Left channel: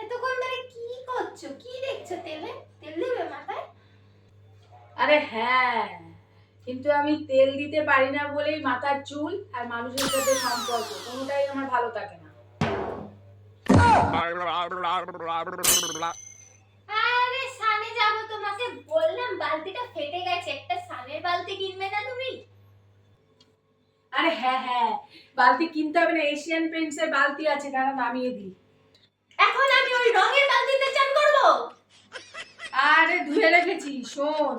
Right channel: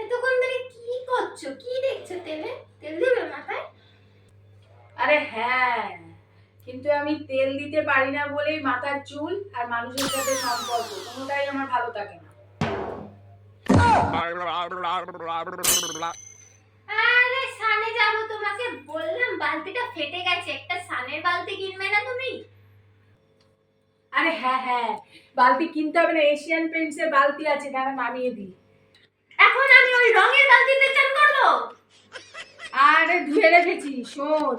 এতক্ষণ ধরে কি করছো? কি দেখছো? তেলে তেল দিবে মাথায়? আরে হ্যাঁ, কিন্তু আমি তেল দিতে পারি না বলেই মাথার চুল আর মানুষের সাথে সম্পর্ক কোনোটাই আমার ভালো থাকে না। আরে সানে যাবো, তোমাকে বললাম বালতিটা ফেটে গেছে, একটা সানের বালতি কিনবে না তুমি? আরে হ্যাঁ হ্যাঁ, বালতি কিনতে হবে না, এশিয়ান পেইন্টস এর বালতি আছে, দাঁড়া নামিয়ে দিই। এখন আমি ওই রঙের বালতিতে চান করবো? আরে ধুয়ে রেখেছি, শোন,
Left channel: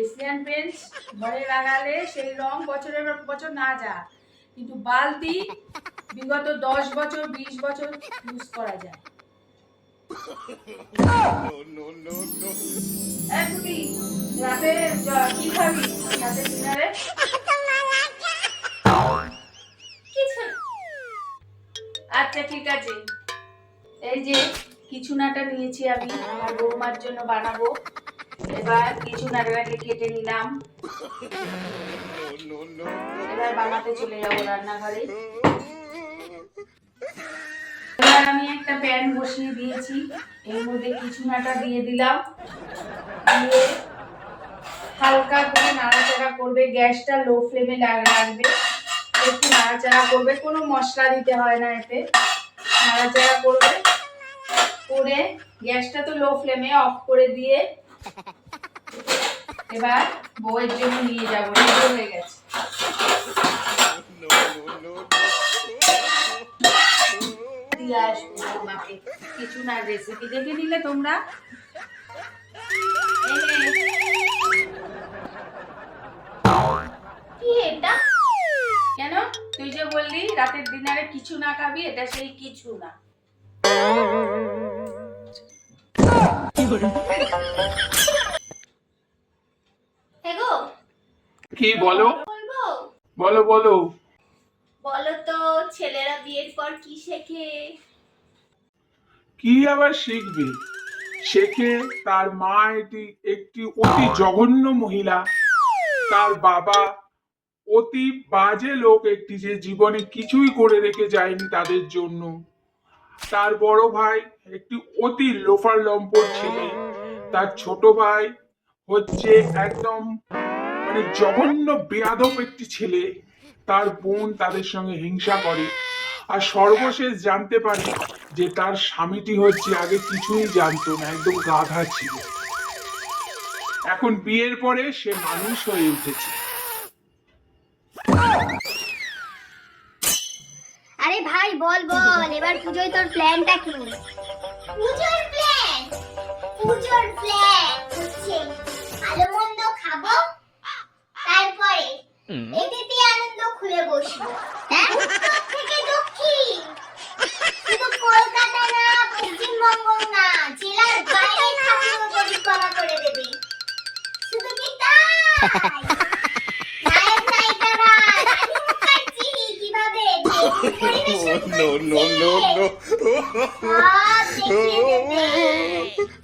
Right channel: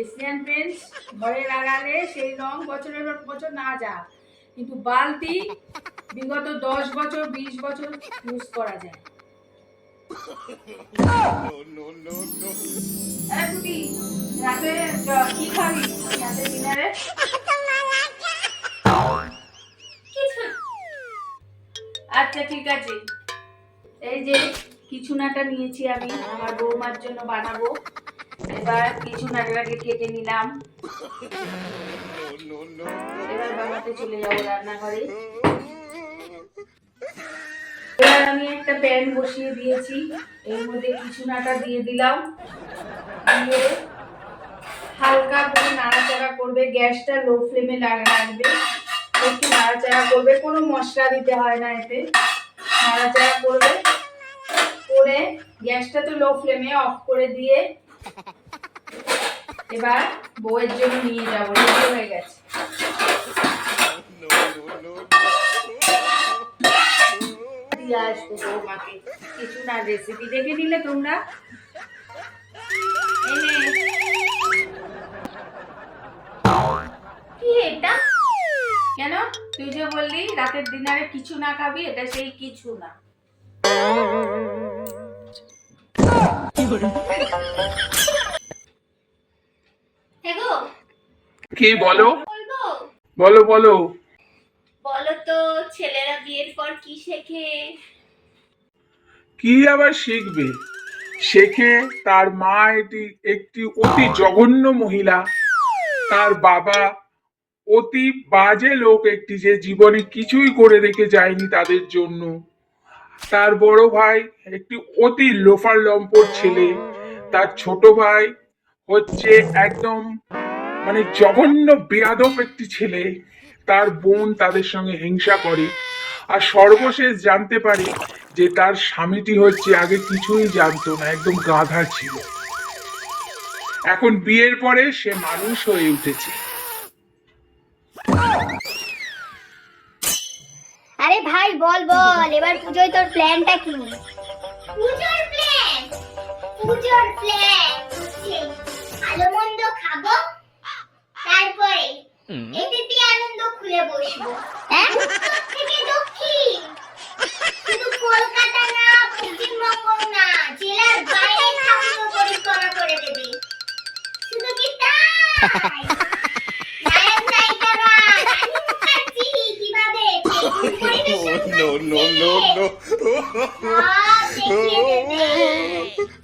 এশিয়ান পেইন্টস ঘরে লাগালে সেই রং বছরের পর বছর না যা, কিন্তু বালতি বিগত 10 বছর 20 বছর ইউজ করা যায়। এই কুটি, রাতে কি খাবি? রাতে ডিনারে কিছু না। আচ্ছা ঠিক আছে, এই যে কিছুনাটা নিয়েছি আমি আমার বৌমার জন্য বানাবো। এবার কিছুনাটাকে কেটে নিলাম, এবার বানাতে চলে যাবো রান্নাঘরে। এবার আমি একটা প্যান বসিয়ে দিয়েছি, এর মধ্যে কিছুনাটা দিয়ে দিলাম, দিয়ে হালকা করে নাড়াচাড়া করবে, গ্যাসটা লো ফ্লেমে রাখবে, একটু নাড়াচাড়া করবে, কোনো মশলা দিতে হয় না এতে, নাড়াচাড়া করবে, করে গ্যাসটা তো লো ফ্লেমে অফ করে দিয়ে এবার বউয়ের জন্য নিয়ে যাবো, রেডি হয়ে গেছে। দিয়ে আসবো বৌমাকে কিছু না, রেসিপি দেখে নিলে তোমরা। কি এটা? কেন, তুই যে বললি রাতের ডিনারে কিছু না খাবি, এটা সেই কিছু না। হেগো, কি বলো? বলবো? বলো বলো। বলো তো, ছেলেরা বিয়ের পর কি শেখে? কি আবার শিখবে? শেখে তার মা এটি একটি অতি জঘন্য মহিলা, তার বাবা অতি বাজে লোক একটি, যে জীবনে কিছুই করে রেখে যায়নি তাদের জন্য, তার বড় ভাই একটি অতি লোফার লম্পট ছেলে, তার ছোট ভাই হচ্ছে একদম মানে জঘন্য বেয়াদব একটি ছেলে, তার বোন তাদের সঙ্গে হিংসা করে, আর সর্বশেষ জানতে পারি যে তার স্বামীটি হচ্ছে আগে কিছুই জানতো না, একদম গাধা ছিল, এখন বিয়ের পরে সে মানুষ হয়ে উঠেছে। আরে ভাই বল বল, এবার পুজোয় তোর প্ল্যানটা কি? পুজোর প্ল্যান? পুজোর প্ল্যান হচ্ছে ভালো মন্দ খাবো, তারপরে এতেতে আনন্দ খুলে বসবো। হ্যাঁ? উত্তর থেকে দক্ষিণ, শুধু কলকাতা না, পশ্চিমবঙ্গ না, জেলার বাইরে খাওয়ার পরিকল্পনা করে দেবে। শুধু কি তাই? নায়ক নায়িকারা দাড়ি মুখাচ্ছি কিভাবে পরিবেশন করছে, No, no, no, no. সব দেখিয়ে দেবে।